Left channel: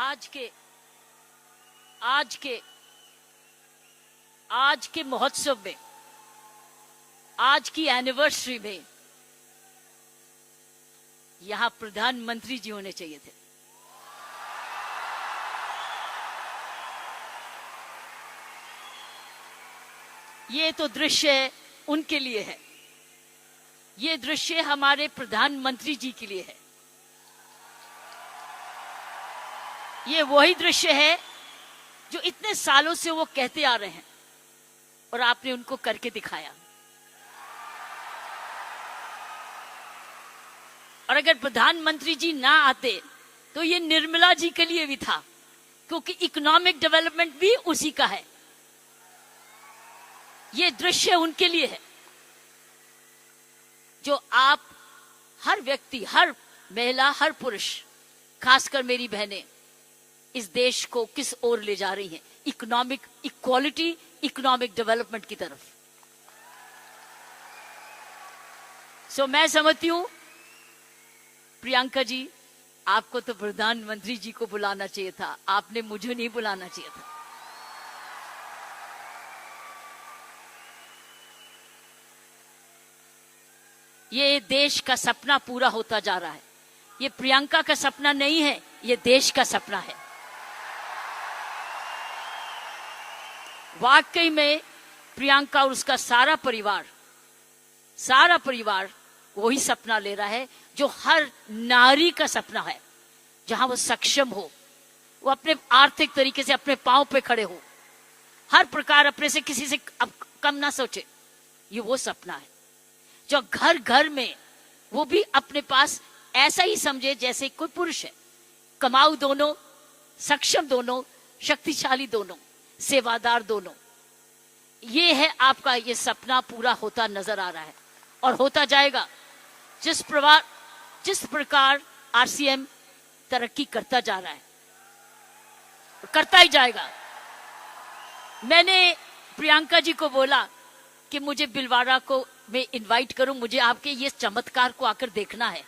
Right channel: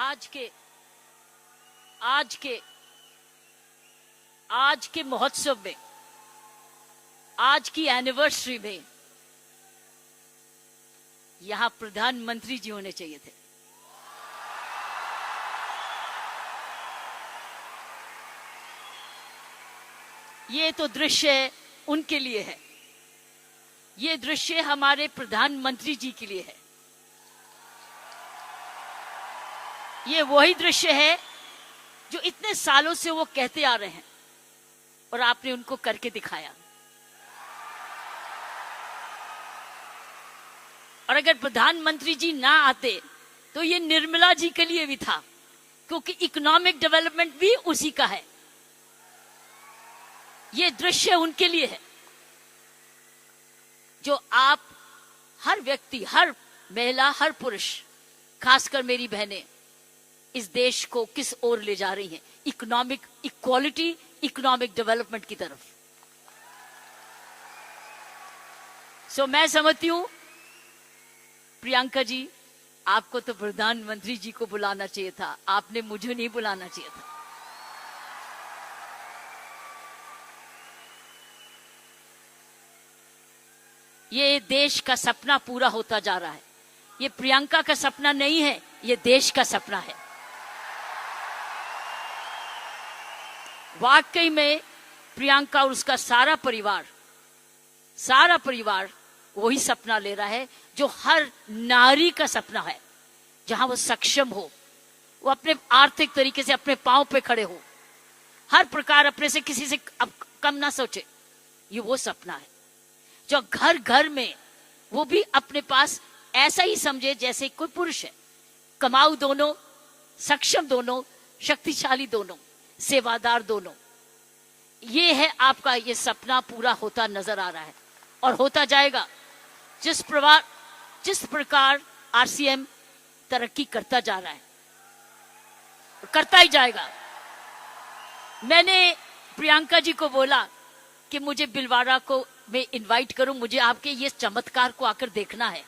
आज के महोत्सव में, आज की एनिवर्सरी में यहां प्रधानमंत्री जी होने चाहिए थे। ये तो दृश्य उनके लिए है, ये दृश्य हमारे प्रधानमंत्री जी के लिए है। ये वही दृश्य है जो इतने सालों से वो कहते आ रहे हैं और आपने उनको करके दिखाया। और अगर प्रधानमंत्री जी ना आते तो ये निर्मला जी के लिए भी था, क्योंकि इकोनॉमिक डेवलपमेंट भी उसी का है। ये दृश्य उनके लिए है जो आप हर व्यक्ति, हर महिला, हर पुरुष, खासकर मेरी बहनें इस देश को किस ओर ले जा रही हैं, इकोनॉमिक इक्वालिटी, इकोनॉमिक डेवलपमेंट की तरफ। सो मैं समझती हूं प्रियंका जी, आपको तो प्रधानमंत्री जी को बुलाना चाहिए था, आपने मुझे नहीं बुलाना चाहिए था। ये देश का सपना पूरा होता जा रहा है। ये प्रियंका का सपना नहीं है, ये देश का सपना है। वाकई में प्रियंका और उसका सारा परिवार वही सपना ले रहा है जो हर नारी का सपना है, जहां वो सक्षम हो, वो अपने आर्थिक तरीके से अपने पांव पे खड़े हो, हर प्रकार अपने से किसी से कम ना सोचे। ये वो सपना है जो घर घर में वो भी अपने पास ऐसा ही समझे जैसे कोई पुरुष है। कमाऊ दोनों, सक्षम दोनों, शक्तिशाली दोनों, सेवादार दोनों। ये है आपका, ये सपना पूरा होता नजर आ रहा है और होता जाएगा। जिस प्रकार आरसीएम तरक्की करता जा रहा है, करता ही जाएगा। मैंने प्रियंका जी को बोला कि मुझे बिलवाड़ा को मैं इनवाइट करूं, मुझे आपके ये चमत्कार को आकर देखना है।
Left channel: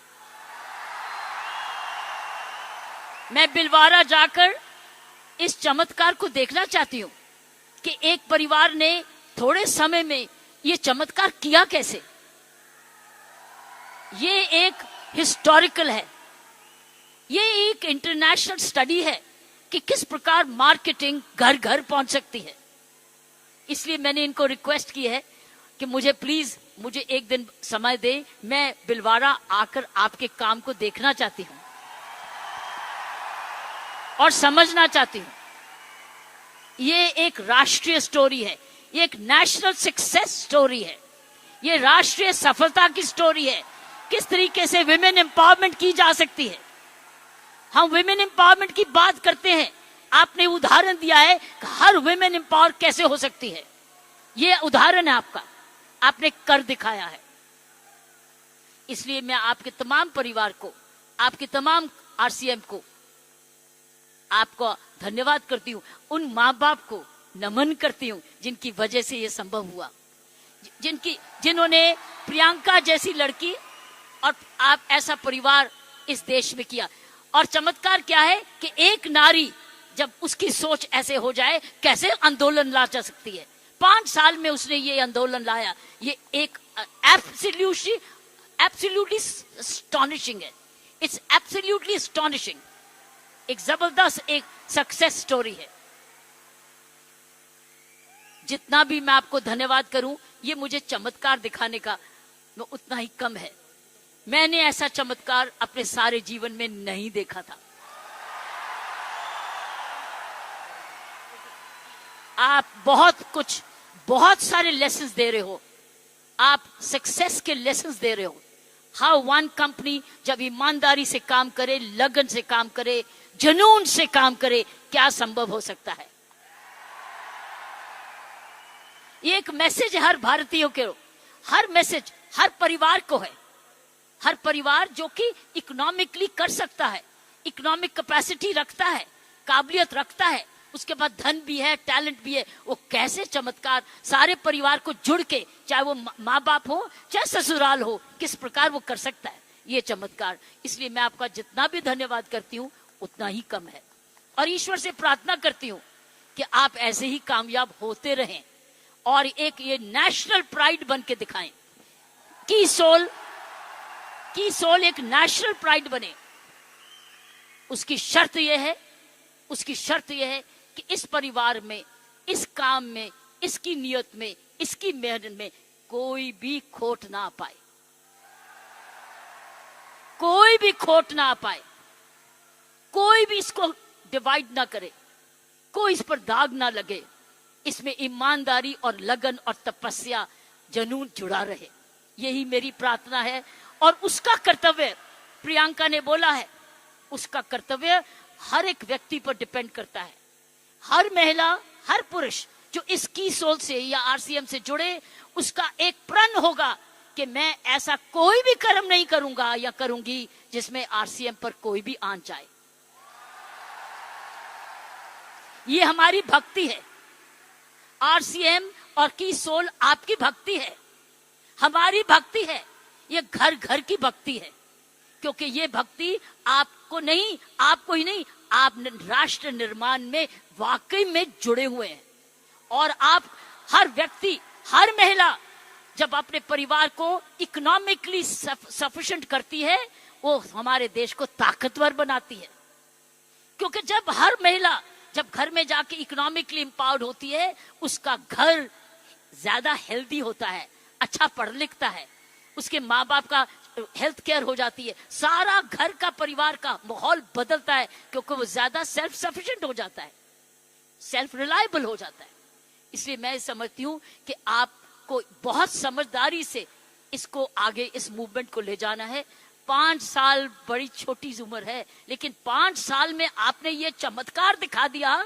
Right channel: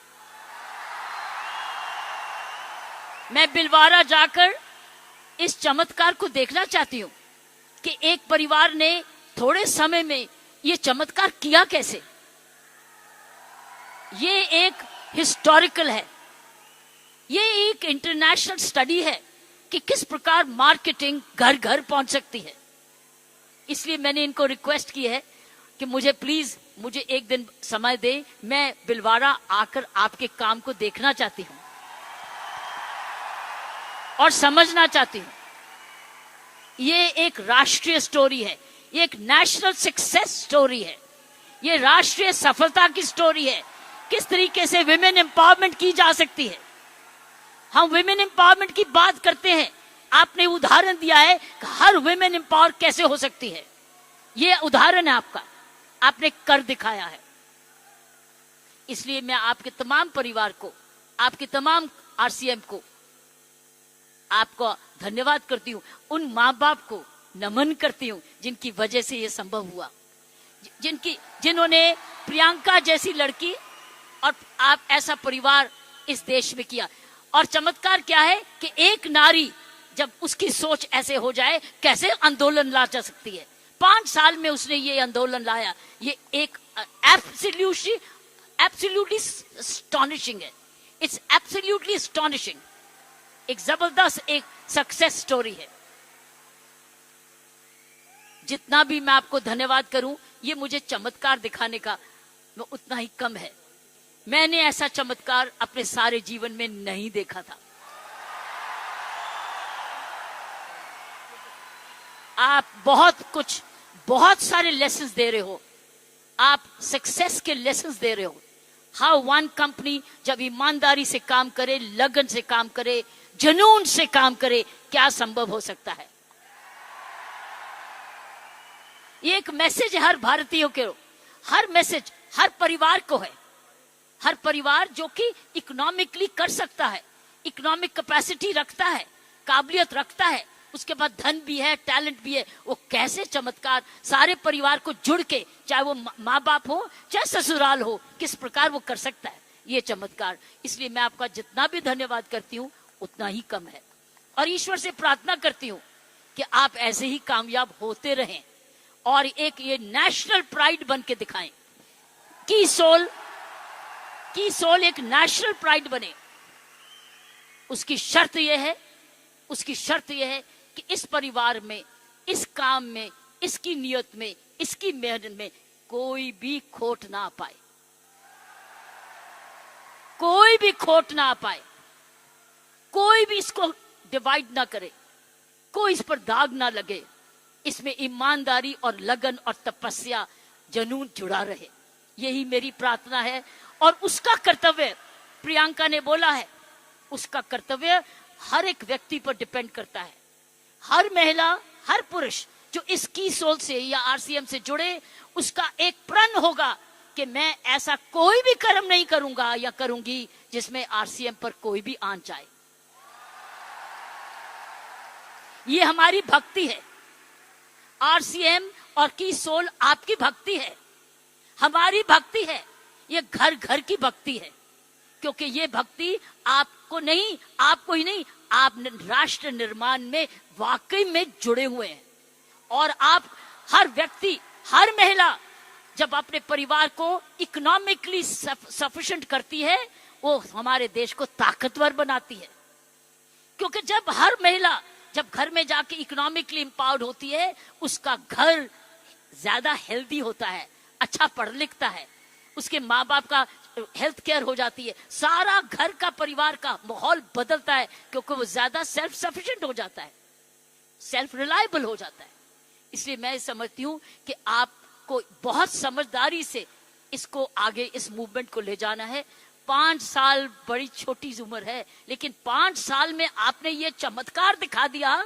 मैं बिलवाड़ा जाकर इस चमत्कार को देखना चाहती हूं कि एक परिवार ने थोड़े समय में ये चमत्कार किया कैसे। ये एक हिस्टोरिकल है, ये एक इंटरनेशनल स्टडी है कि किस प्रकार मार्केटिंग घर घर पहुंच सकती है। इसलिए मैंने इनको रिक्वेस्ट की है कि मुझे एक दिन समय दे, मैं बिलवाड़ा आकर आपके काम को देखना चाहती हूं और समझना चाहती हूं। ये एक राष्ट्रीय स्टोरी है, ये एक नेशनल सक्सेस स्टोरी है, ये राष्ट्रीय सफलता की स्टोरी है। किस तरीके से विमेन एम्पावरमेंट की जा सकती है। हम विमेन एम्पावरमेंट की बात करते हैं, आपने उदाहरण दिया है कि हर विमेन एम्पावर कैसे हो सकती है। ये उदाहरण है आपका, आपने कर दिखाया है। इसलिए मैं आपके तमाम परिवार को, आपके तमाम आरसीएम को, आपको धन्यवाद करती हूं। उन माँ बाप को नमन करती हूं जिनकी वजह से यह संभव हुआ, जिन्होंने प्रियंका जैसी लड़की और आप ऐसा परिवार इस देश में किया। और चमत्कार क्या है कि एक नारी जब उसकी सोच ऐसे हो जाए, कैसे आंदोलन ला जा सकती है। 5 साल में उसने ये आंदोलन लाया। ये एक एब्सोल्युटली एस्टॉनिशिंग है। It's absolutely astonishing. एक जबरदस्त एक सक्सेस स्टोरी है। जितना भी मैं आपको धन्यवाद करूं, ये मुझे चमत्कार दिखाने का उतना ही कम है। मैंने ऐसा चमत्कार अपने सारे जीवन में नहीं देखा था। आप बहुत सारे लेसन्स दे रहे हो, आप सक्सेस के लेसन्स दे रहे हो। हाउ वन कंपनी जब ईमानदारी से काम करे, लगन से काम करे, जुनून से काम करे, क्या संभव हो सकता है। ये एक मैसेज है हर भारतीयों के, हर मैसेज हर परिवार को है। हर परिवार जो कि इकोनॉमिकली कर सकता है, इकोनॉमिक कैपेसिटी रखता है, काबिलियत रखता है, उसके बाद धन भी है, टैलेंट भी है, वो कैसे चमत्कार सारे परिवार को जुड़ के, चाहे वो माँ बाप हो चाहे ससुराल हो, किस प्रकार वो कर सकता है ये चमत्कार। इसलिए मैं आपका जितना भी धन्यवाद करती हूँ उतना ही कम है। और ईश्वर से प्रार्थना करती हूं कि आप ऐसे ही कामयाब होते रहें और एक ये नेशनल प्राइड बन के दिखाएं। की सोल एक नेशनल प्राइड बने। उसकी शर्त यह है कि इस परिवार में, इस काम में, इसकी नियत में, इसकी मेहनत में कोई भी खोट ना पाए, कोई भी खोट ना पाए, कोई भी इसको डिवाइड ना करे, कोई इस पर दाग ना लगे। इसमें ईमानदारी और लगन और तपस्या, जुनून जुड़ा रहे। यही मेरी प्रार्थना है। और उसका कर्तव्य, प्रियंका ने बोला है, उसका कर्तव्य हर एक व्यक्ति पर डिपेंड करता है। हर महिला, हर पुरुष जो इस की सोल से या आरसीएम से जुड़े, उसका एक प्रण होगा कि मैं ऐसा कोई भी कर्म नहीं करूंगा या करूंगी जिसमें आरसीएम पर कोई भी आंच आए। ये हमारी भक्ति है। आरसीएम और की सोल आपकी भक्ति है, हमारी भक्ति है। ये घर घर की भक्ति है, क्योंकि ये भक्ति आपको ही नहीं, आप राष्ट्र निर्माण में वाकई में जुड़े हुए हैं। और आप हर व्यक्ति, हर महिला जब अपने परिवार को इकोनॉमिकली सफिशिएंट करती है, वो हमारे देश को ताकतवर बनाती है। क्योंकि जब हर महिला जब घर में जाके इकोनॉमिकली एम्पावर्ड होती है, उसका घर ज्यादा हेल्दी होता है, अच्छा पढ़ लिखता है, उसके माँ बाप का हेल्थ केयर हो जाती है, सारा घर का परिवार का माहौल बदलता है, क्योंकि वो ज्यादा सेल्फ सफिशिएंट हो जाता है, सेल्फ रिलायबल हो जाता है। इसलिए मैं समझती हूँ कि आपको बहुत समझदारी से इसको आगे, इस मूवमेंट को ले जाना है। 5 साल बड़ी छोटी उम्र है, लेकिन 5 साल में आपने ये चमत्कार दिखा दिया,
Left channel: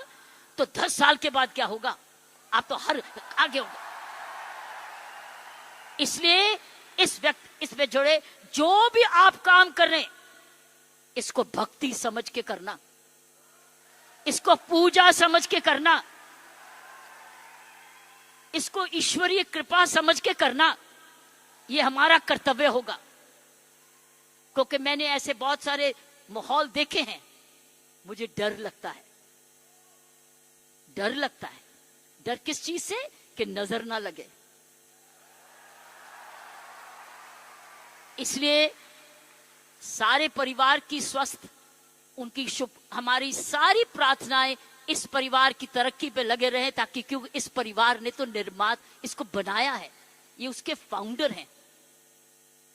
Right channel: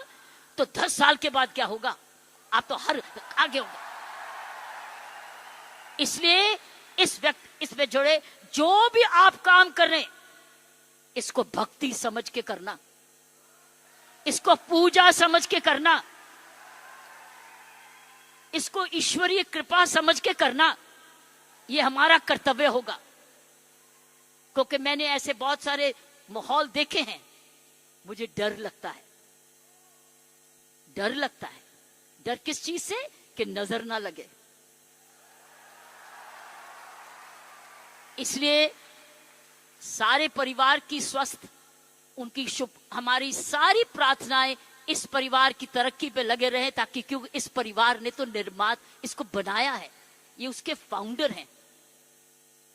तो 10 साल के बाद क्या होगा? आप तो हर आगे होंगे। इसलिए इसमें जुड़े जो भी आप काम कर रहे हैं, इसको भक्ति समझ के करना, इसको पूजा समझ के करना, इसको ईश्वरीय कृपा समझ के करना। ये हमारा कर्तव्य होगा। क्योंकि मैंने ऐसे बहुत सारे माहौल देखे हैं, मुझे डर लगता है। डर किस चीज से? कि नजर ना लगे। इसलिए सारे परिवार की स्वस्थ, उनकी शुभ, हमारी सारी प्रार्थनाएं इस परिवार की तरक्की पे लगे रहे, ताकि क्योंकि इस परिवार ने तो निर्माण इसको बनाया है, ये उसके फाउंडर हैं,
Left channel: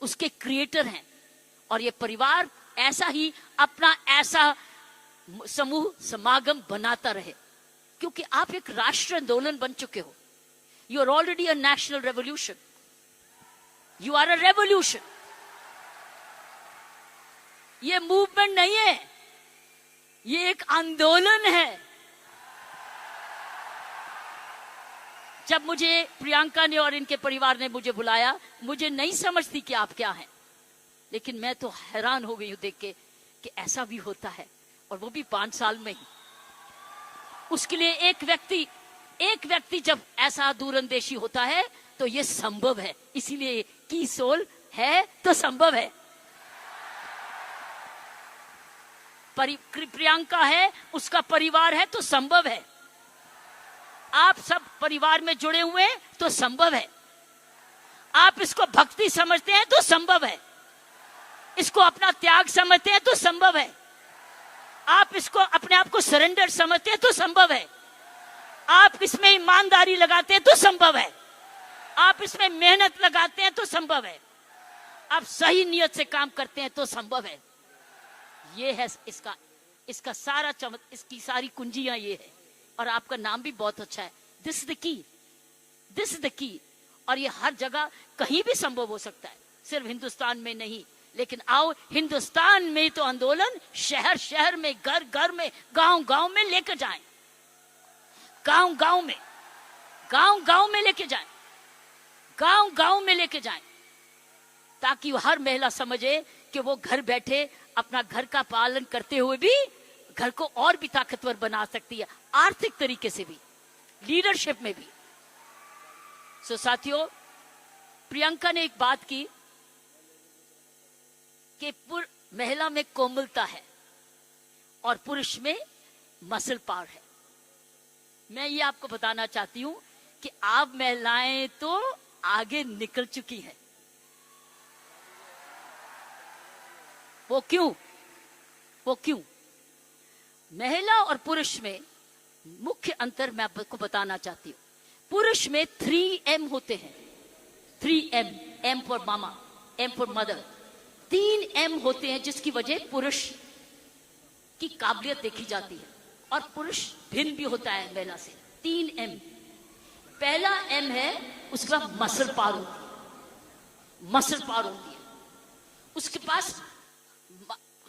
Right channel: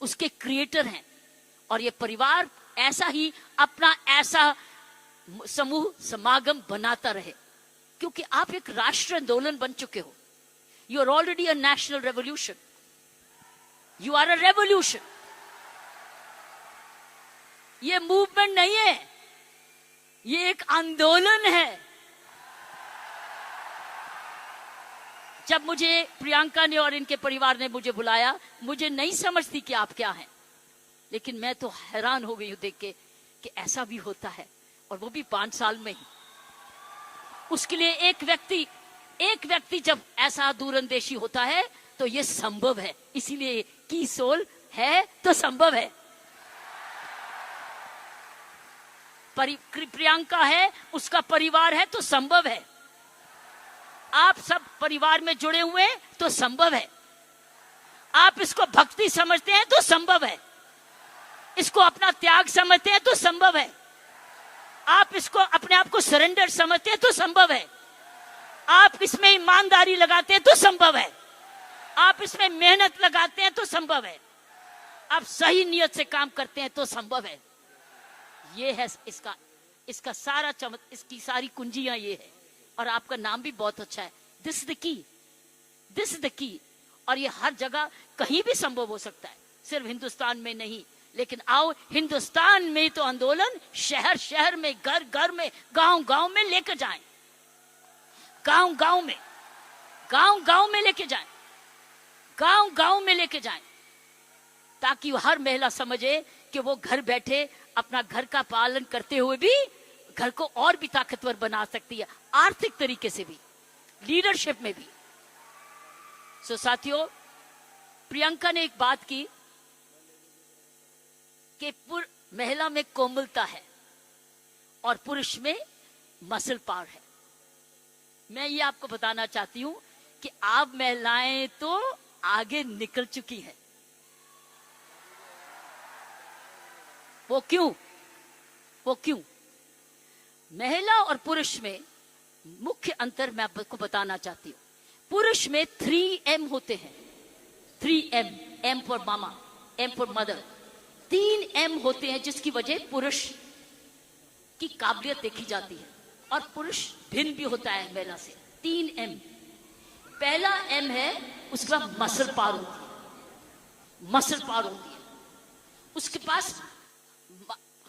उसके क्रिएटर हैं। और ये परिवार ऐसा ही अपना ऐसा समूह समागम बनाता रहे, क्योंकि आप एक राष्ट्रीय आंदोलन बन चुके हो। You are already a national revolution, you are a revolution. ये मूवमेंट नहीं है, ये एक आंदोलन है। जब मुझे प्रियंका ने और इनके परिवार ने मुझे बुलाया, मुझे नहीं समझती कि आप क्या हैं, लेकिन मैं तो हैरान हो गई हूं देख के कि ऐसा भी होता है, और वो भी 5 साल में ही। उसके लिए एक व्यक्ति जब ऐसा दूरंदेशी होता है तो ये संभव है। इसीलिए की सोल है तो संभव है। प्रियंका है, उसका परिवार है तो संभव है। आप सब परिवार में जुड़े हुए हैं तो संभव है। आप इसको भक्ति समझते हैं तो संभव है। इसको अपना त्याग समझते हैं तो संभव है। आप इसको अपने आप को सरेंडर समझते हैं तो संभव है। आप इसमें ईमानदारी लगाते हैं तो संभव है। आप इसमें मेहनत लगाते हैं तो संभव है। आप सही नियत से काम करते हैं तो संभव है। ये है इसका सारा इसकी सारी कुंजियां ये है। और आपका नाम भी बहुत अच्छा है, दिस इज द की। और ये हर जगह कहीं भी संभव हो सकता है, सिर्फ हिंदुस्तान में नहीं। लेकिन आओ, हिंदुस्तान में तो आंदोलन शहर शहर में, घर घर में, गांव गांव में लेकर जाएं, गांव गांव में लेके जाएं, गांव में लेके जाएं, ताकि हर महिला समझे कि वो घर बैठे अपना घर का पालन करते हुए भी घर को और भी ताकतवर बना सकती है, आर्थिक तरीके से भी, लीडरशिप में भी। सो साथियों, प्रियंका ने एक बात की कि महिला में कोमलता है और पुरुष में मसल पावर है। मैं ये आपको बताना चाहती हूं कि आप महिलाएं तो आगे निकल चुकी हैं। वो क्यों? महिला और पुरुष में मुख्य अंतर मैं आपको बताना चाहती हूं। पुरुष में 3M होते हैं। 3M, M for mama, M for mother. 3M होते हैं जिसकी वजह पुरुष की काबिलियत देखी जाती है और पुरुष भिन्न भी होता है महिला से। 3M। पहला M है, उसके बाद मसल पावर होती है। मसल पावर होती है, उसके पास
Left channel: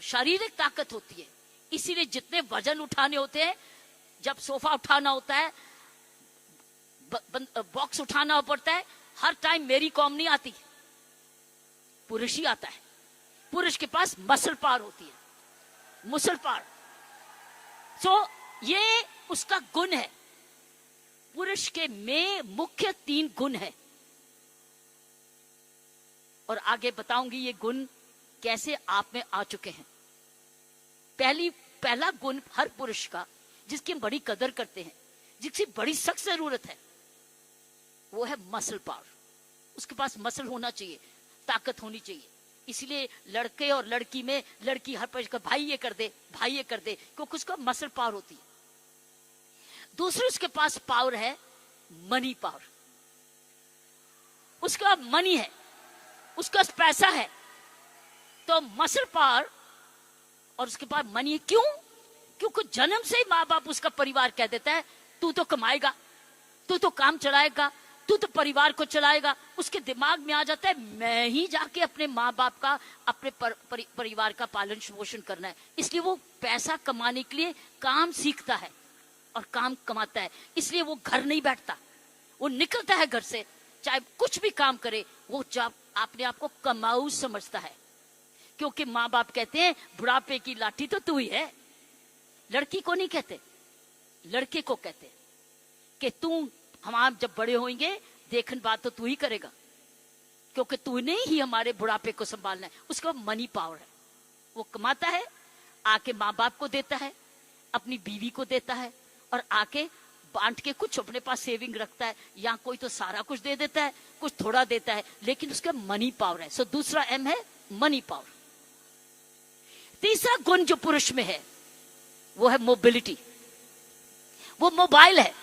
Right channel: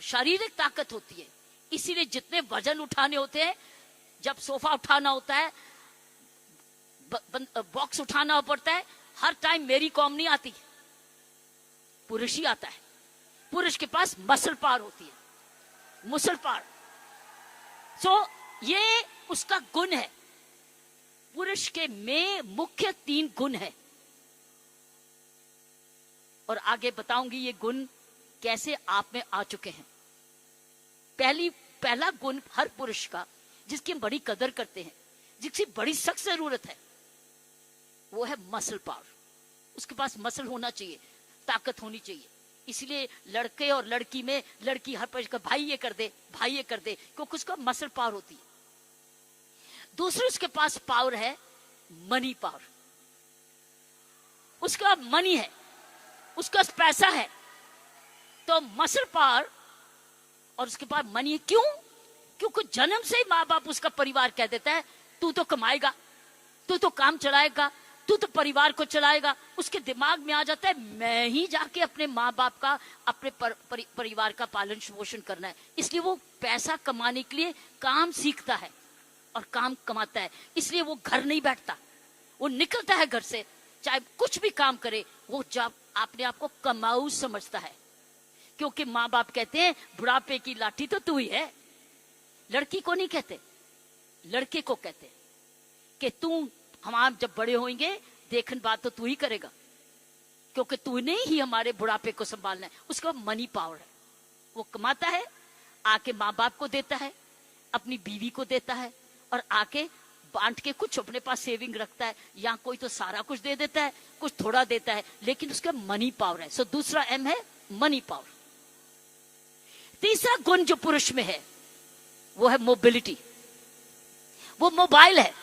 शारीरिक ताकत होती है। इसीलिए जितने वजन उठाने होते हैं, जब सोफा उठाना होता है, बॉक्स उठाना पड़ता है, हर टाइम मेरी कॉम नहीं आती, पुरुष ही आता है। पुरुष के पास मसल पावर होती है, मसल पावर। सो ये उसका गुण है। पुरुष के में मुख्य 3 गुण है और आगे बताऊंगी ये गुण कैसे आप में आ चुके हैं। पहला गुण हर पुरुष का, जिसकी हम बड़ी कदर करते हैं, जिसकी बड़ी सख्त जरूरत है, वो है मसल पावर। उसके पास मसल होना चाहिए, ताकत होनी चाहिए। इसलिए लड़के और लड़की में, लड़की हर पुरुष का भाई ये कर दे, भाई ये कर दे, क्योंकि उसका मसल पावर होती है। दूसरी उसके पास पावर है मनी पावर। उसका मनी है, उसका पैसा है, तो मसल पावर और उसके पास मनी है। क्यों? क्योंकि जन्म से ही माँ बाप उसका परिवार कह देता है तू तो कमाएगा, तू तो काम चलाएगा, तू तो परिवार को चलाएगा। उसके दिमाग में आ जाता है मैं ही जाके अपने माँ बाप का, अपने परिवार का पालन पोषण करना है। इसलिए वो पैसा कमाने के लिए काम सीखता है और काम कमाता है। इसलिए वो घर नहीं बैठता, वो निकलता है घर से, चाहे कुछ भी काम करे, वो जब अपने आप को कमाऊ समझता है। क्योंकि माँ बाप कहते हैं बुढ़ापे की लाठी तो तू ही है। लड़की को नहीं कहते, लड़के को कहते कि तू, हम आप जब बड़े होंगे देखन बात तो तू ही करेगा, क्योंकि तूने ही हमारे बुढ़ापे को संभालना है। उसका मनी पावर है, वो कमाता है, आके माँ बाप को देता है, अपनी बीवी को देता है और आके बांट के कुछ अपने पास सेविंग रखता है, या कोई तो सारा कुछ दे देता है, कुछ थोड़ा देता है, लेकिन उसका मनी पावर है। सो दूसरा M है मनी पावर। तीसरा गुण जो पुरुष में है वो है मोबिलिटी। वो मोबाइल है,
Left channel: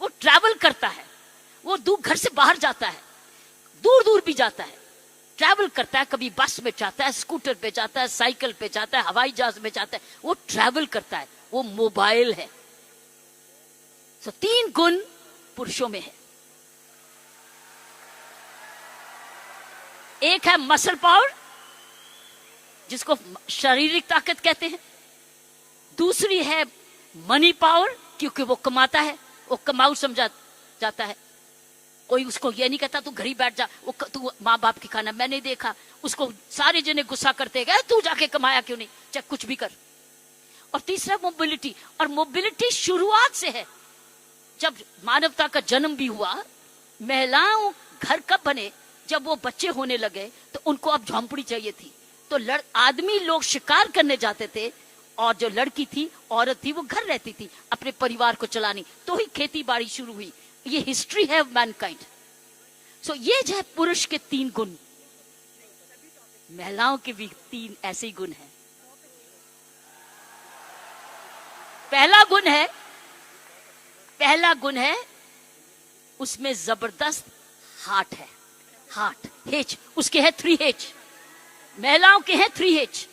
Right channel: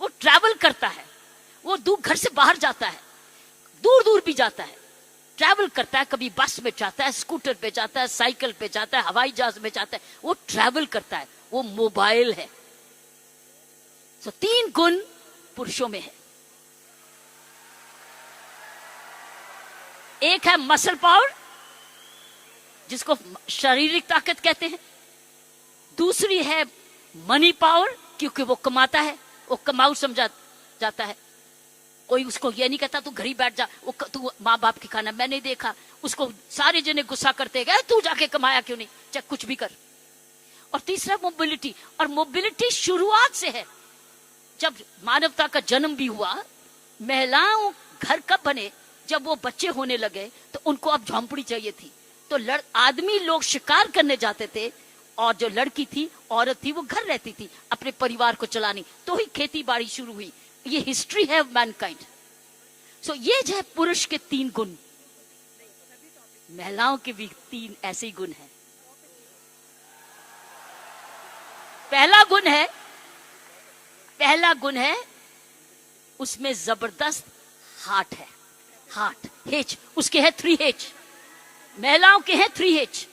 वो ट्रैवल करता है, वो दूर घर से बाहर जाता है, दूर दूर भी जाता है, ट्रैवल करता है। कभी बस में जाता है, स्कूटर पे जाता है, साइकिल पे जाता है, हवाई जहाज में जाता है, वो ट्रैवल करता है, वो मोबाइल है। तो 3 गुण पुरुषों में है। एक है मसल पावर, जिसको शारीरिक ताकत कहते हैं। दूसरी है मनी पावर, क्योंकि वो कमाता है, वो कमाऊ समझा जाता है। कोई उसको ये नहीं कहता तू घर ही बैठ जा, तू माँ बाप की खाना। मैंने देखा उसको सारे जने गुस्सा करते गए, तू जाके कमाया क्यों नहीं, चाहे कुछ भी कर। और तीसरा मोबिलिटी, और मोबिलिटी शुरुआत से है। जब मानवता का जन्म भी हुआ, महिलाओं घर कब बने, जब वो बच्चे होने लगे तो उनको अब झोंपड़ी चाहिए थी। तो आदमी लोग शिकार करने जाते थे और जो लड़की थी, औरत थी, वो घर रहती थी अपने परिवार को चलानी। तो ही खेती बाड़ी शुरू हुई। ये हिस्ट्री है ऑफ मैनकाइंड। सो ये जो है पुरुष के 3 गुण, महिलाओं के भी 3 ऐसे गुण हैं। पहला गुण है उसमें जबरदस्त हार्ट है। हार्ट, H, उसके है 3H। महिलाओं के हैं 3H,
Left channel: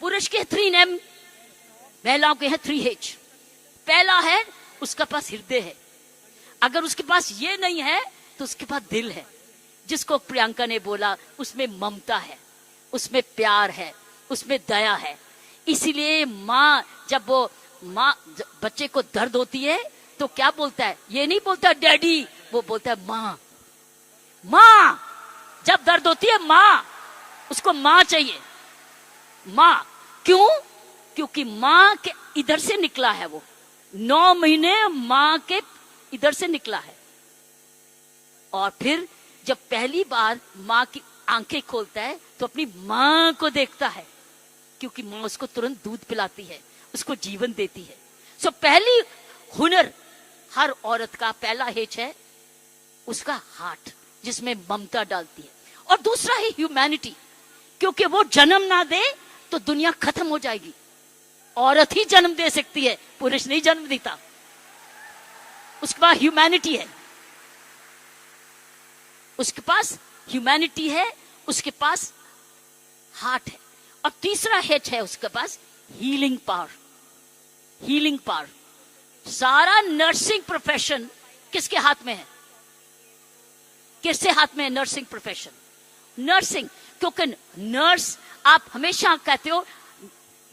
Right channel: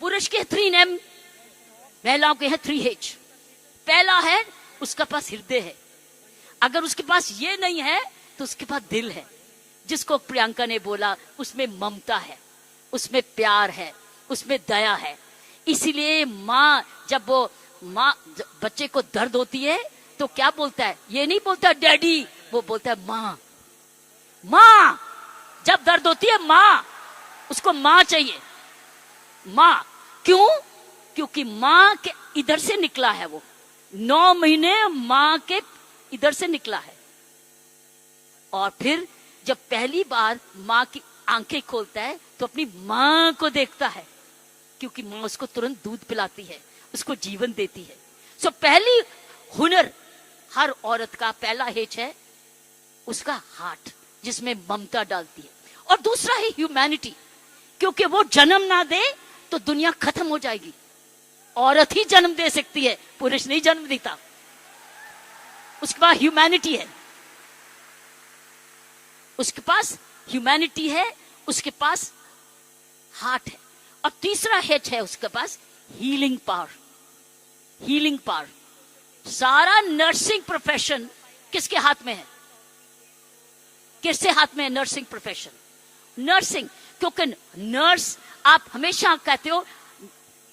पुरुष के 3M, महिलाओं के हैं 3H। पहला है उसका पास हृदय है। अगर उसके पास ये नहीं है तो उसके पास दिल है, जिसको प्रियंका ने बोला, उसमें ममता है, उसमें प्यार है, उसमें दया है। इसीलिए जब बच्चे को दर्द होती है तो क्या बोलता है? ये नहीं बोलता डैडी, वो बोलता है माँ। माँ जब दर्द होती है, माँ, उसको माँ चाहिए। माँ क्यों? क्योंकि माँ के इधर से निकला है, वो 9 महीने माँ के इधर से निकला है। और फिर जब पहली बार माँ की आंखें खोलता है तो अपनी माँ को देखता है, क्योंकि माँ उसको तुरंत दूध पिलाती है, उसको जीवन देती है। सो पहली हुनर हर औरत का पहला हेच है उसका हार्ट, जिसमें ममता डालती है, और दूसरा है ह्यूमैनिटी, क्योंकि वो जन्म ना दे तो दुनिया खत्म हो जाएगी। औरत ही जन्म दे सकती है, पुरुष नहीं जन्म देता। उसके पास ह्यूमैनिटी है, उसके पास ह्यूमैनिटी है, उसके पास हार्ट है, और तीसरा हेच है उसके पास हीलिंग पावर। हीलिंग पावर, सारा नर्सिंग प्रोफेशन किसके हाथ में है? किसके हाथ में है नर्सिंग प्रोफेशन? नर्सिंग, क्योंकि नर्स, आप हमेशा कहते हो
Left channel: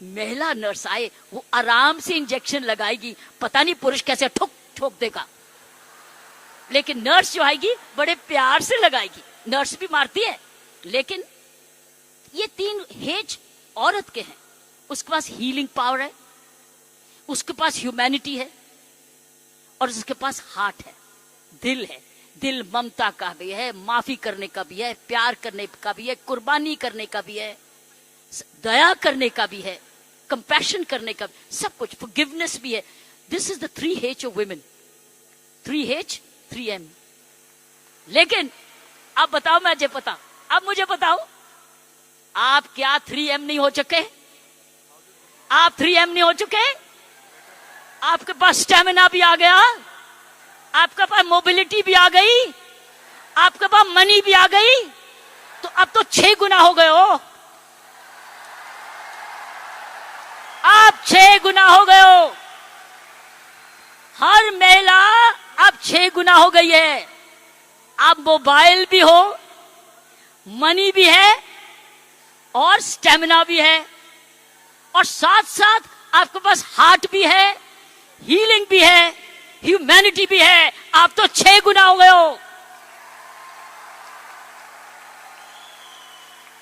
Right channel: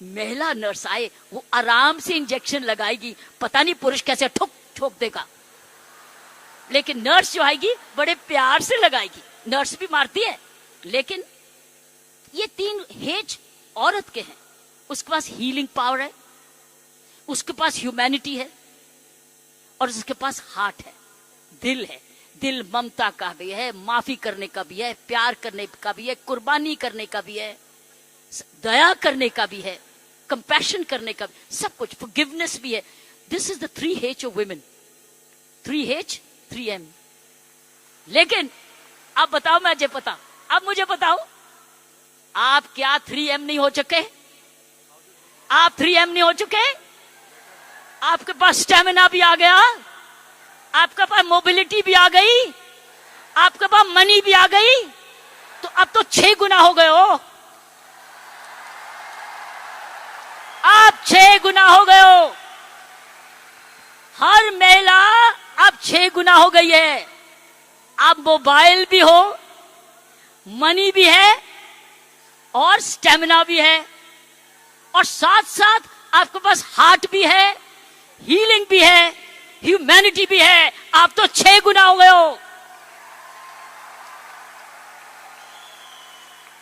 महिला नर्स आए वो आराम से इंजेक्शन लगाएगी, पता नहीं पुरुष कैसे ठोक ठोक देगा, लेकिन नर्स जो आएगी बड़े प्यार से लगाएगी। नर्स भी मारती है, लेकिन ये तीन हेज औरत के हैं। उसके पास हीलिंग पावर है, उसके पास ह्यूमैनिटी है, और उसके पास हार्ट है, दिल है। दिल ममता का भी है, माफी करने का भी है, प्यार करने का भी है, कुर्बानी करने का भी है, दया करने का भी है, कंपैशन करने का भी, सब कुछ, फॉरगिवनेस भी है। This is the 3H of women, 3H 3M। लेकिन अब बताओ, मुझे बताओ, आप क्या 3M नहीं हो चुके? आप 3M नहीं हो चुके? आपके पास स्टेमिना भी आ गया, आपके पास मोबिलिटी भी आ गई, आपके पास मनी भी आ गई, तो अब तो 6 गुना हो गए हो। आप 6 गुना हो गए हो। हर महिला अब 6 गुना हो गई है। अब मोबाइल भी हो, मनी भी है, और स्टेमिना भी है, और साथ साथ आपके पास हार्ट भी है, हीलिंग भी है, ह्यूमैनिटी भी है। आप तो 6 गुना हो गए हो।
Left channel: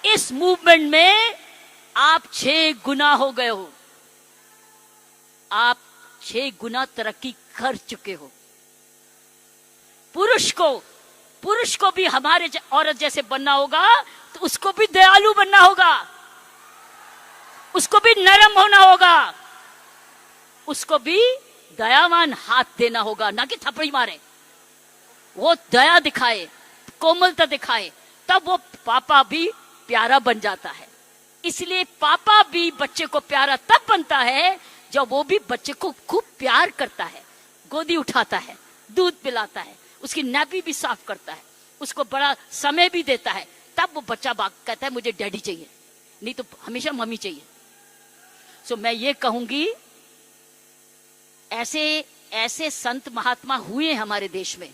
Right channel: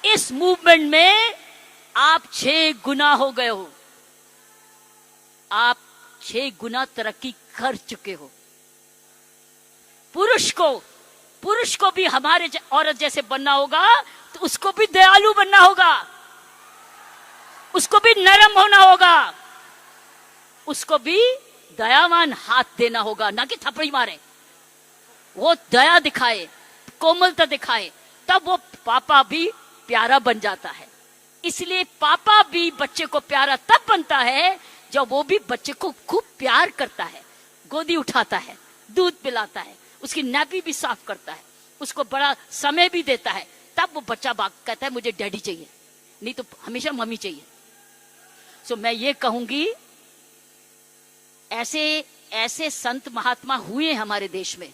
इस मूवमेंट में आप 6 गुना हो गए हो। आप 6 गुना तरक्की कर चुके हो। पुरुष को भी हमारे औरत जैसे बनना होगा, तो उसको भी दयालु बनना होगा, उसको भी नरम होना होगा, उसको भी दयावान हाथ देना होगा, ना कि थप्पड़ी मारे। वो दया दिखाए, कोमलता दिखाए, तब वो पापा भी प्यारा बन जाता है। इसलिए पापा भी बच्चे को प्यारा तब बनता है जब वो भी बच्चे को खूब प्यार करता है, गोदी उठाता है, दूध पिलाता है, उसकी नैपी भी साफ करता है, उसको बड़ा समय भी देता है। तब वो बच्चा कहता है मुझे डैडी चाहिए, नहीं तो हमेशा मम्मी चाहिए। सो मैं ये कहूंगी, ऐसे संत महात्मा हुए हमारे देश में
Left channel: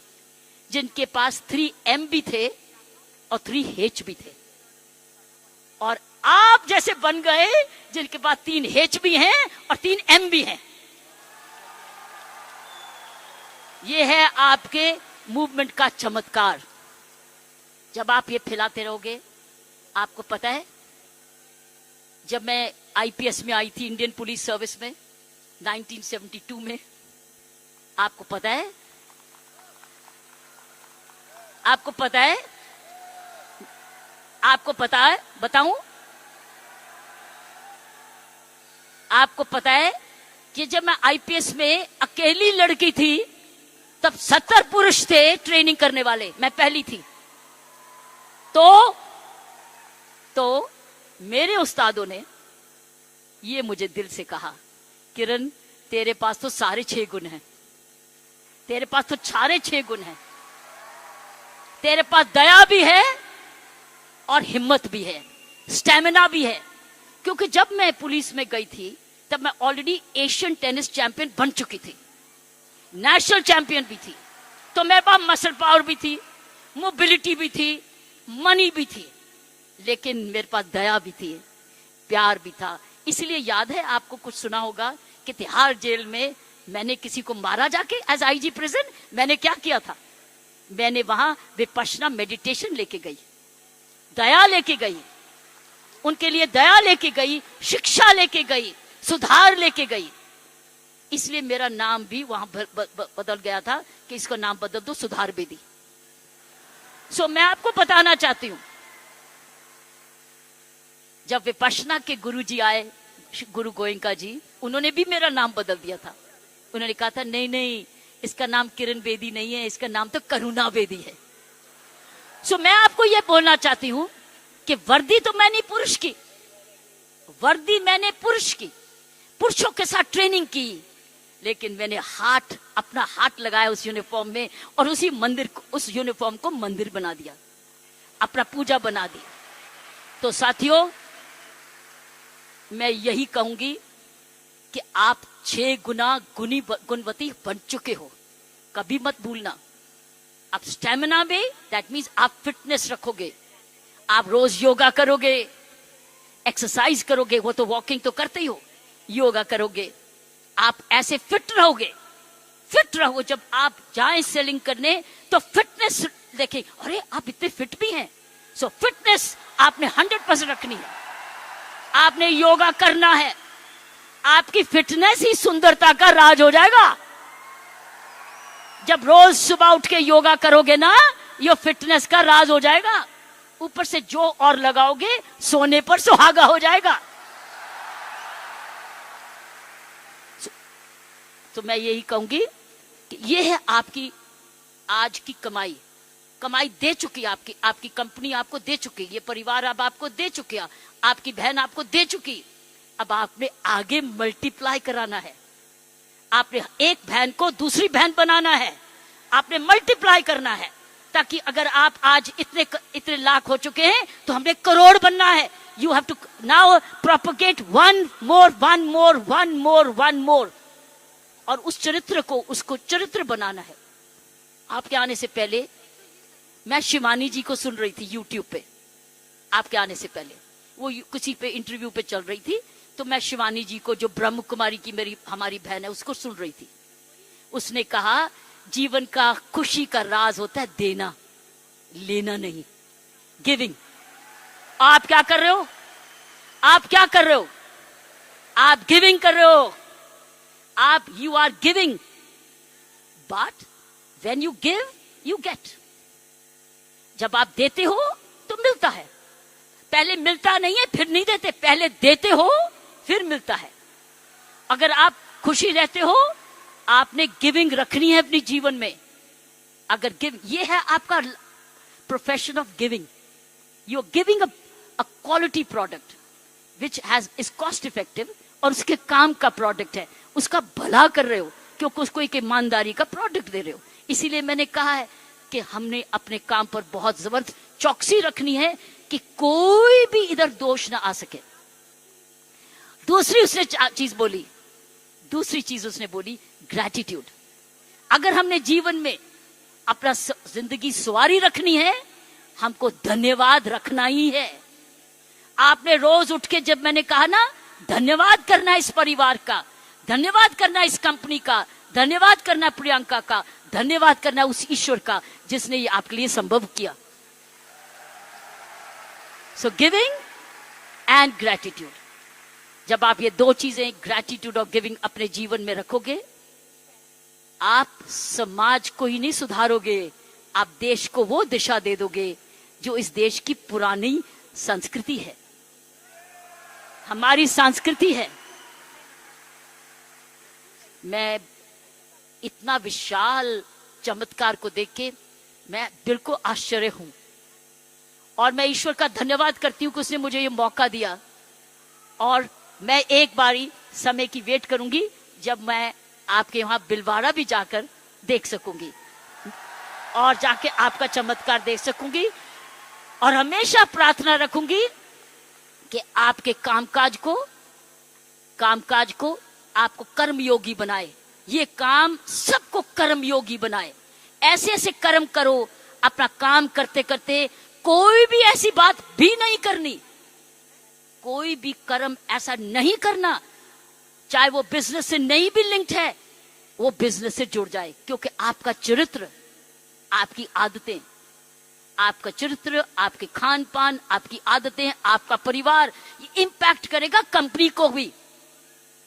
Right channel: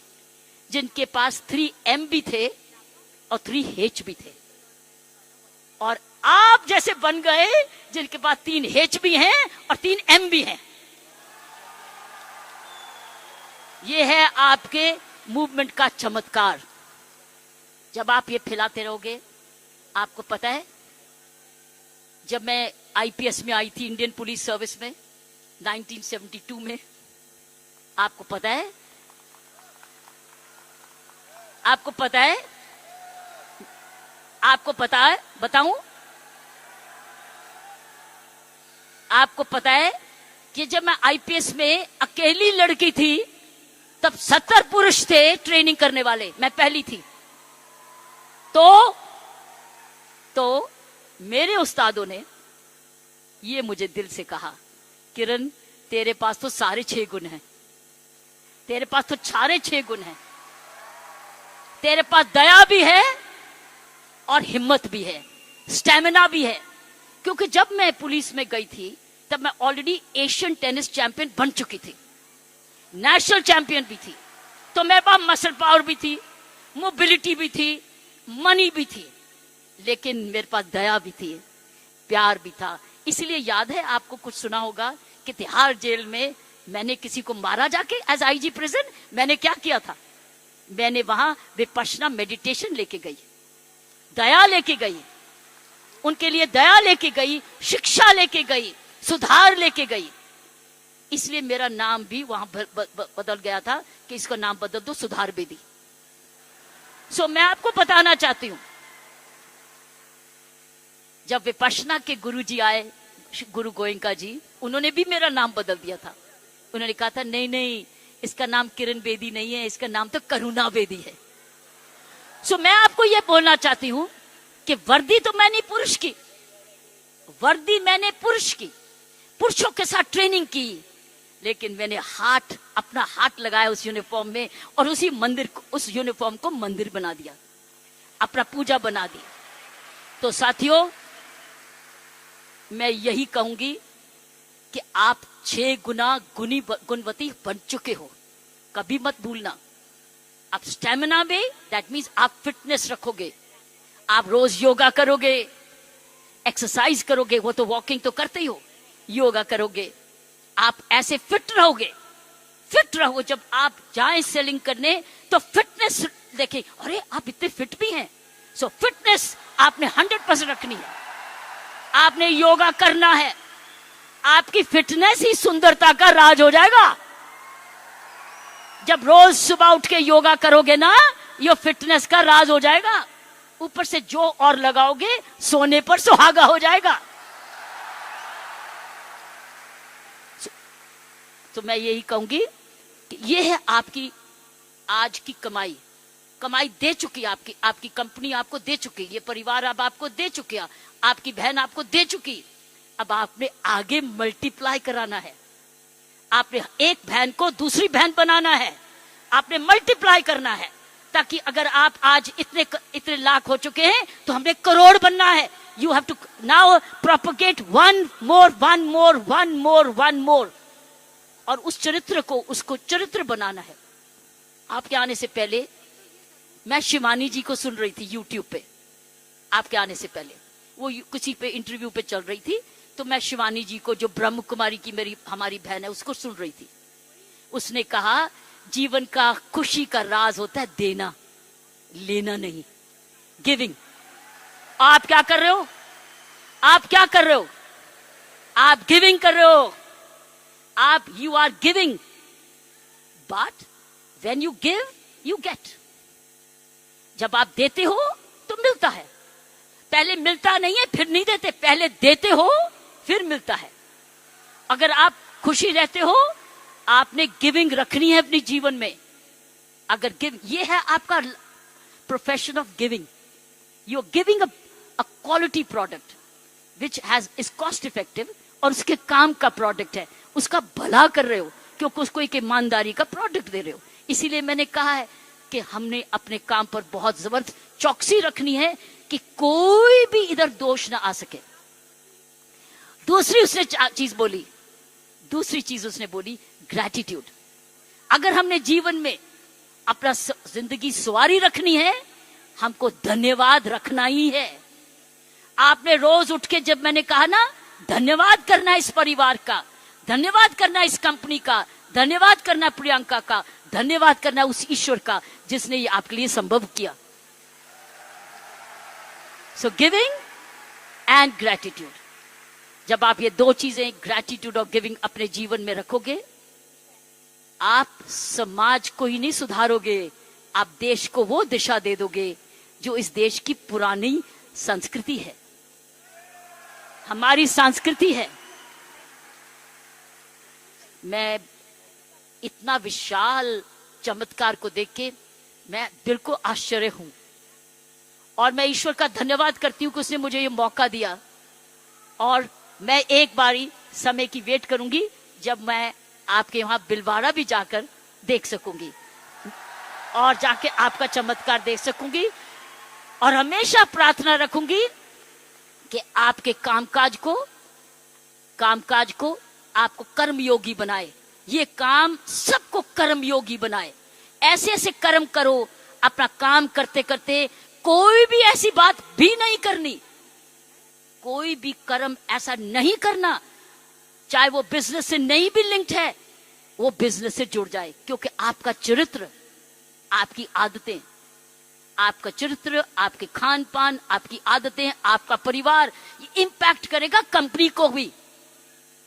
जिनके पास 3M भी थे और 3H भी थे, और आप जैसे बन गए जिनके पास 3H भी हैं और 3M भी हैं। ये है आपके मूवमेंट का चमत्कार। जब आप ये फैलाते रहोगे, आपको पता है, जब मैं IPS में आई थी, इंडियन पुलिस सर्विस में 1972 में, आपको पता है, आपको पता है, बताऊं? आपको पता है कि जब मैं IPS में अकेली लड़की थी, तब 70 पुरुष थे ट्रेनिंग करने वाले, मैं पहली थी। तो मेरे उस्तादों ने ये मुझे दिल से कहा, किरण तेरे पास तो सारे 6 गुण हैं, तेरे पास तो सारे 6 गुण हैं, तेरे पास दया भी है और हिम्मत भी है, स्टेमिना भी है। क्योंकि जब मैं पुलिस में गई थी तब मैं ऑलरेडी एशियन टेनिस चैंपियन बन चुकी थी, नेशनल चैंपियन भी थी, तो मेरे पास मसल पावर भी थी, मोबिलिटी भी थी, मनी भी थी, लेकिन मेरे पास दया भी थी, प्यार भी था। इसलिए याद है आपको, कुछ सुना होगा कि तिहाड़ जेल में मैंने किसी को मारा जाके, एज IG प्रेजेंट मैंने क्या किया था, मैंने वहां विपश्यना मेडिटेशन लेके गई, दया लेके गई, उनके लिए दया लेके गई, शिक्षा लेके गई, सुधार लेके गई। इसलिए मेरा नाम भी वहां बदल गया था कि इसका नाम बदल दो, सुधार बेदी। सो मैं आपको बताना चाहती हूं, जब विपश्यना के गुरु जी आए, गुरु गोयंका जी, उन्होंने भी मेरा नाम बदल दिया था। उन्होंने कहा था नहीं नहीं, इसका नाम किरण बेदी नहीं है, इसका नाम तो करुणा बेदी है। सो मैं आपको यह बोलना चाहती हूं कि वर्दी तो मैंने पुरुष की, वर्दी मैंने पुरुष की, पुरुषों के साथ ट्रेनिंग की, लेकिन मैंने अपना हाथ लगाया उस यूनिफॉर्म में और उस यूनिफॉर्म को मंदिर बना दिया, अपना पूजा बना दिया। तो साथियों, मैं यही कहूंगी कि आप 6 गुना गुणवती बन चुके हो, कभी मत भूलना। आप स्टेमिना में, दैट मीन्स आप फिटनेस रखोगे, आप रोज योगा करोगे, एक्सरसाइज करोगे, वो तो वॉकिंग तो करते ही हो, योगा करोगे, आप ऐसे फिट रहोगे। फिट रहो, जब आप जाएं सेलिंग करने तो फिटनेस देखें, अरे आप इतने फिट भी हैं। सो फिटनेस आपने 100% रखनी है, आपने योगा करना है, आपकी फिटनेस ही सुंदरता का राज हो जाएगा। जब रोज सुबह उठ के योगा करोगे ना, ये फिटनेस का राज हो जाएगा। ऊपर से जो और लगाओगे, सोने पर सुहागा हो जाएगा। तो मैं यही कहूंगी कि ये है आपकी आज की कमाई। कमाई दे चुकी है आपकी कंपनी आपको दे चुकी, ये परिवार अब आपको दे चुके, आपकी बहन आपको दे चुकी। अब आपने आगे मल्टीप्लाई कराना है, आपने एक बहन को दूसरी बहन बनाना है, आपने मल्टीप्लाई करना है, ताकि अगर आप आज इतने लाख हो चुके हैं तो हमें करोड़ बनना है। You have to now propagate one more, और उस चरित्र को, उसको चरित्र बनाना है। आपके आने से पहले मैं शिवानी जी को सुन रही थी यूट्यूब पे, आपके आने से पहले वो किसी पे इंटरव्यू पे चल रही थी, तो मैं शिवानी जी को, जो ब्रह्म कुमारी की हमारी बहन है, उसको सुन रही थी। उसने कहा जीवन का खुशी का राज होता है देना, लेना नहीं, गिविंग। आप क्या कर रहे हो? आप क्या कर रहे हो? आप गिविंग कर रहे हो, आप you are giving, but when you give you get. जब आप देते हो तो मिलता है, पहले मिलता नहीं है फिर नहीं देते, पहले देते हो फिर मिलता है। अगर आप खुशी रहते हो, आपने गिविंग रखनी है अपने जीवन में। अगर ये है आपका profession of giving, you are giving a quality product which is cost effective, और उसके काम का प्रोडक्ट है, उसका भला कर रहे हो, क्योंकि उसको एक ईमानदारी का प्रोडक्ट दे रहे हो। इसीलिए मैंने कहा है कि हमने अपने काम पर बहुत जबरदस्त चौकसी रखनी है कि कोई भी इधर दोष ना आ सके। दूसरी चीज उसने बोली ग्रैटिट्यूड। अगर हमने जीवन में अपना जिंदगी सवारी रखनी है, हमको धन्यवाद रखना ही है। आपने रोज उठ के, जब मैंने कहा ना, धन्यवाद करना इस परिवार का, धन्यवाद करना इस कंपनी का, धन्यवाद करना प्रियंका का, धन्यवाद करना उस ईश्वर का जिसने ये आपके लिए संभव किया। सो गिविंग एंड ग्रैटिट्यूड, जब आप ये दो चीजें, ग्रैटिट्यूड और गिविंग, अपने जीवन में रखोगे, आप समाज को ही नहीं सुधारोगे, आप देश को वो दिशा दे दोगे जो इस देश की पुरानी संस्कृति है, हमारी संस्कृति है। मैं इतना विशाल चमत्कार को देख के मैं दिल को आश्चर्य हूं, और मैं ईश्वर का धन्यवाद करती हूं कि उसने मुझे ये मौका दिया। और मैं एक बारी समय की वेट करूंगी जब मैं आपके वहां बिलवाड़ा भी जाकर देख सकूंगी और जाके आपका चमत्कार देख सकूंगी, और हमेशा प्रार्थना रखूंगी कि आपके कामकाज को आपको कर्मयोगी बनाए, ये काम सबको कर्मयोगी बनाए। ऐसे ऐसे कर्म करो, अपना काम करते करते कोई भी ऐसी बात भी नहीं करनी, कोई भी कर्म ऐसा नहीं करना, चाहे वो बिजनेस से नहीं भी लिंक्ड है, वो बिजनेस से जुड़ जाए, क्योंकि आपका चरित्र, आपकी आदतें, आपका चरित्र, आपके खान पान, आपकी आदतें, आपका परिवार, ये इंपैक्ट करेगा कंपनी को भी।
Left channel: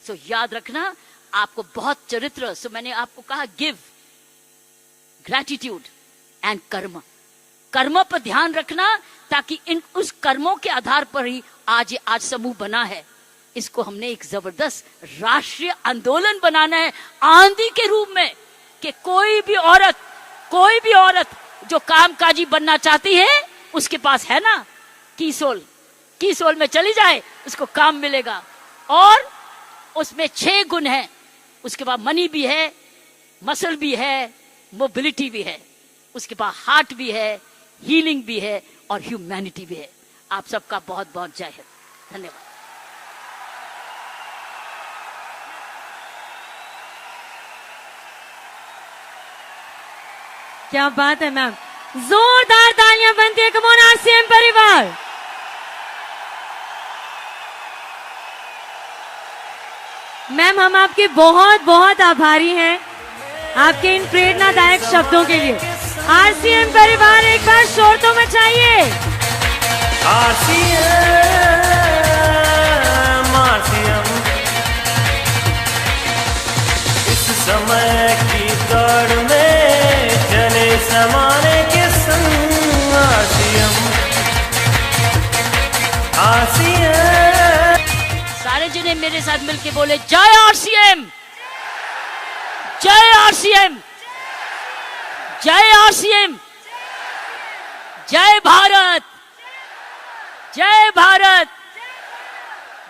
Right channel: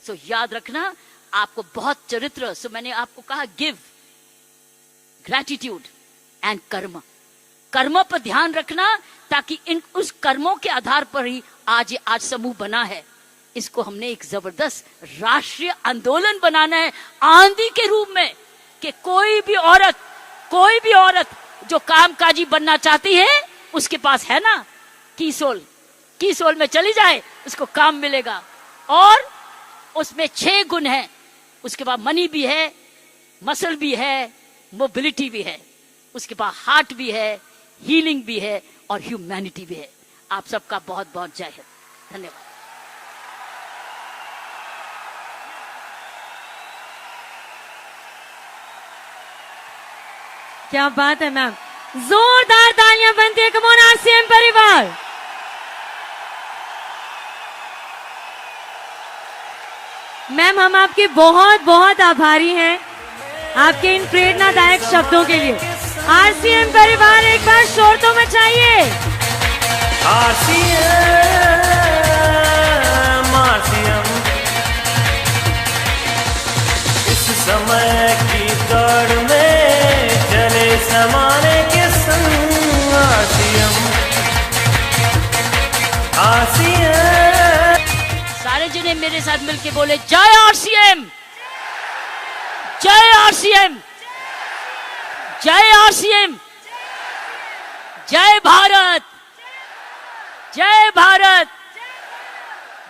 सो याद रखना, आपको बहुत चरित्र, सो मैंने आपको कहा गिव, ग्रैटिट्यूड एंड कर्म। कर्मों पर ध्यान रखना, ताकि उस कर्मों के आधार पर ही आज समूह बना है। इसको हमने एक जबरदस्त राष्ट्रीय आंदोलन बनाना है, आंधी के रूप में, कि कोई भी औरत जो कामकाजी बनना चाहती है, उसके पास है ना कीसोल में चली जाए, उसको काम मिलेगा। और उसमें 6 गुण हैं। उसके बाद मनी भी है, मसल भी है, मोबिलिटी भी है, उसके बाद हार्ट भी है, हीलिंग भी है और ह्यूमैनिटी भी है। आप सबका बहुत बहुत जय हिंद। धन्यवाद। क्या बात है मैम, जोरदार तालियां बनती है। कम ऑन आरसीएम परिवार। मैम हम आपके बहुत बहुत आभारी हैं आपके इन प्रेरणादायक शब्दों के लिए। आरसीएम परिवार एक बार शोर तो मचाइए। इस समय की दौड़ में चले समाने के संग आरसीएम। सारे जने मेरे साथ मिलके बोले जय आरसीएम, जय आरसीएम, जय आरसीएम, जय भारत, जय भारत,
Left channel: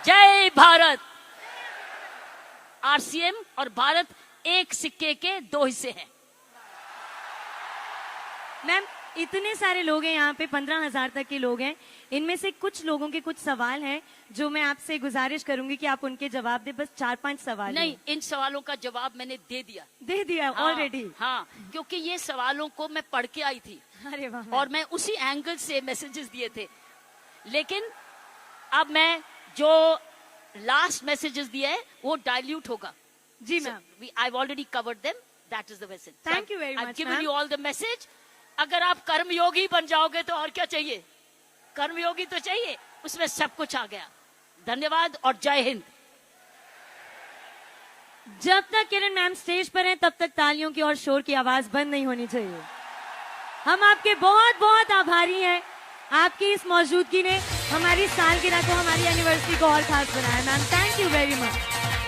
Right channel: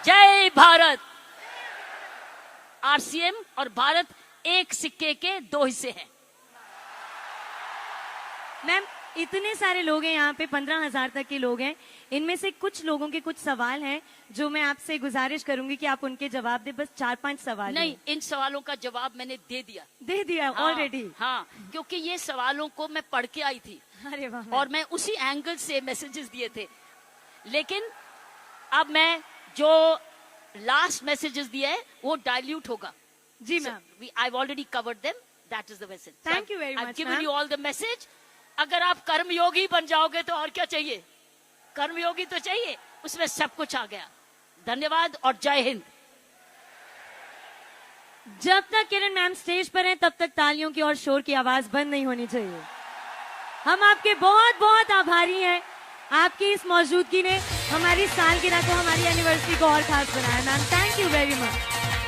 जय भारत। आरसीएम और भारत एक सिक्के के 2 हिस्से हैं। मैम इतने सारे लोग हैं यहाँ पे, 15,000 तक के लोग हैं। इनमें से कुछ लोगों के कुछ सवाल हैं जो मैं आपसे गुजारिश करूंगी कि आप उनके जवाब दे। बस 4-5 सवाल नहीं, इन सवालों का जवाब मैंने दे दिया ऑलरेडी। हाँ, क्योंकि ये सवालों को मैं पढ़ के आई थी। अरे वाह। और मैं उसी एंगल से मैसेजेस दिए थे। लेकिन अब मैं जो लास्ट मैसेजेस दिए है वो डाइल्यूट होगा। जी ma'am, I already covered them, that is the message. Thank you very much. I given you all the message. अगर आप कर्मयोगी बन जाओगे तो और क्या चाहिए? कर्मयोगी तो चाहिए, उसमें सब कुछ आ गया। धन्यवाद और जय हिंद। जब तक किरण मैम स्टेज पर हैं तब तक तालियों की और शोर की आवाज बंद नहीं होनी चाहिए। हम आपके बहुत बहुत आभारी हैं। आपकी इस मौजूदगी ने हमारी सालगिरह को, हमारी एनिवर्सरी को और खास बनाया। Ma'am thank you very much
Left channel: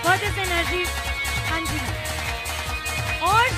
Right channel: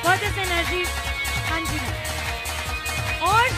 for this energy. हाँ जी और